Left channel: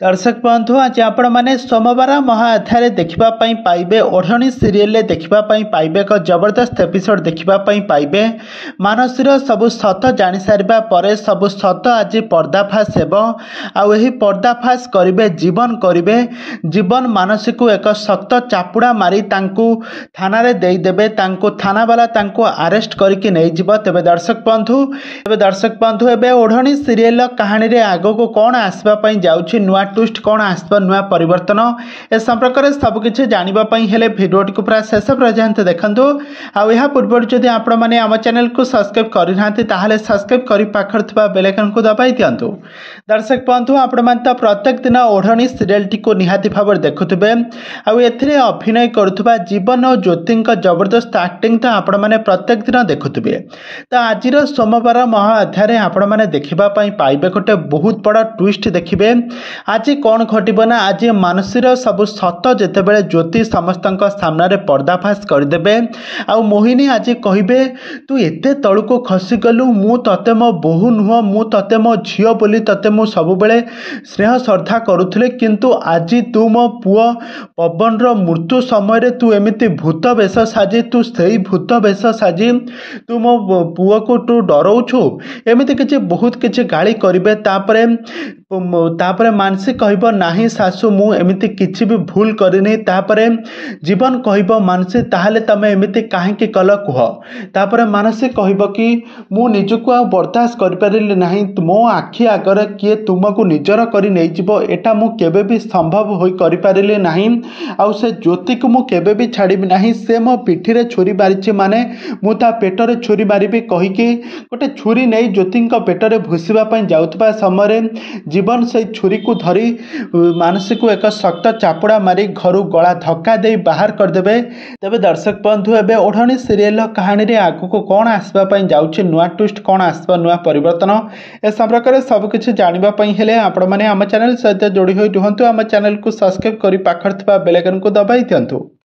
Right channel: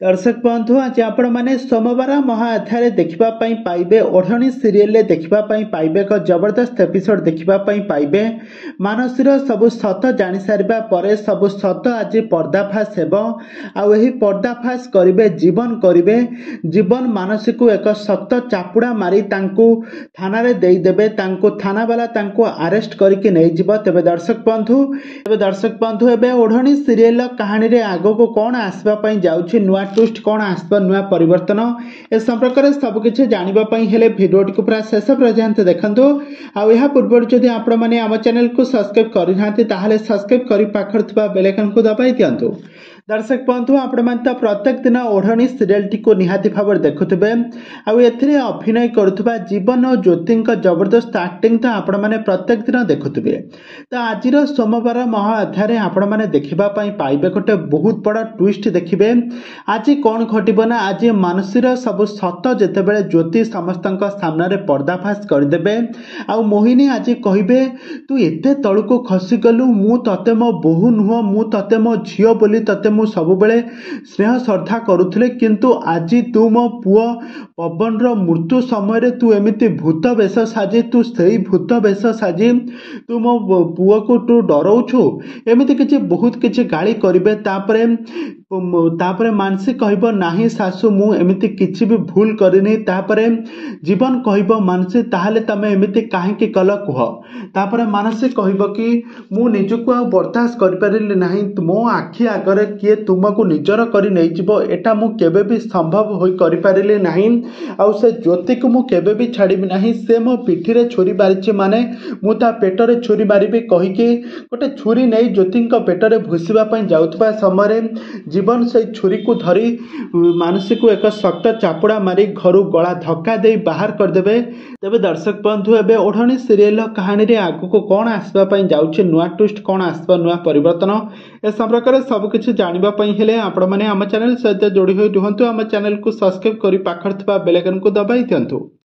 दर्शक बंधु आज आपण मैंने सोमवार महाअध्याय देखा पाइबे ओढ़णी सीरियल देखा पाइबे एक जबरदस्त एपिसोड देखा पाइबे मानसीर सबू सत जानी सारिबा परे सबू सत आज पर्दाफाश हेबो आउ एही पर्दाफाश करिवे जीवन मानसी को एक सख्त चापुड़ा मारी तांकू थाना रे देई देबे तांकू थाना वाला तांकू अरेस्ट करके नहीं जिवो। तेबे दर्शक बंधु एबे ओढ़णी सीरियल कहानी रे आगो को कौन आसबा पई जाउछि नुआ ट्विस्ट कौन आसबा नुआ परिवर्तन ए संपर्क में सबकिछ जानापी हेले भिडियोटी को पूरा शेष पर्यंत देखंतु। आउ या पूर्व जदि आपण मैंने आम चैनल को सब्सक्राइब करना ताहले सब्सक्राइब कर पाखर थिबा बेल आइकन को दबाई दियंतु। दर्शक बंधु आपण मैंने तो प्रत्येक दिन ओढ़णी सीरियल टी को निहाती भाव देखुथिबे आउ एथिरे अभिनय करुथबा जीवन और ज्योति जबरदस्त एक्टिंग तो आपण मैंने प्रत्येक दिन देखुथिबे। तो आज सोमवार महाअध्याय आपण मैंने देखा पाइबे गोटे बहुत बड़ा ट्विस्ट देखिए। आज कौन घटब ना आज मानसीर सबू सत जितेबाला ज्योति समस्त सामने पर्दाफाश करदे आ मोहिनी आज कहे तू एते तलू खसी गलु मु तते मो बोहू नुह मु तते मो झील बोली तते मु सबुबले स्नेह श्रद्धा करुले किंतु आज तू मो पुओ पवन मृत्यु समय तू एमती भूत वेश साजी तू से भूत वेश साजी तू मो पुओ को तू डराऊछु एमती किसी बहुत किसी गाली करेंगे। तापरे मानसी कहब नाही सासू मु एमती किसी भी भूल करनी तापरे जीवन कहब मानसी ताहले तमे एमती काहे कल कह तापरे मानसी कहब कि मु निजको आ बर्दाश्त कर परिली नाही मो आखि आगरे किए तुमको निजर करी नहीं जिवो एटा मु केबे भी संभव होई करि परिली नाही आउ से ज्योति को मु केबे भी छाड़िबी नाही से मो पिठी रे छुरी मारिछि माने मु ता पेटरे छुरी मारिबी कहि के गोटे छुरी नहीं ज्योति पेटरे भूसिबा पई जाउतबा समय जीवन से छुरी को धरी मानसी को एक सख्त चापुड़ा मारी घर गला धक्का दे बाहर करदे। तेबे दर्शक बंधु एबे ओढ़णी सीरियल कहानी रे आगु को कौन आसबा पई जाउछि नुआ ट्विस्ट कौन आसबा नुआ परिवर्तन ए संपर्क में सबकिछ जानिबा पई हेले आपण माने आम चैनल सहित जोड़ी होई रुहंतु। आम चैनल को सब्सक्राइब करी पाखर थिबा बेल आइकन को दबाई दियंतु।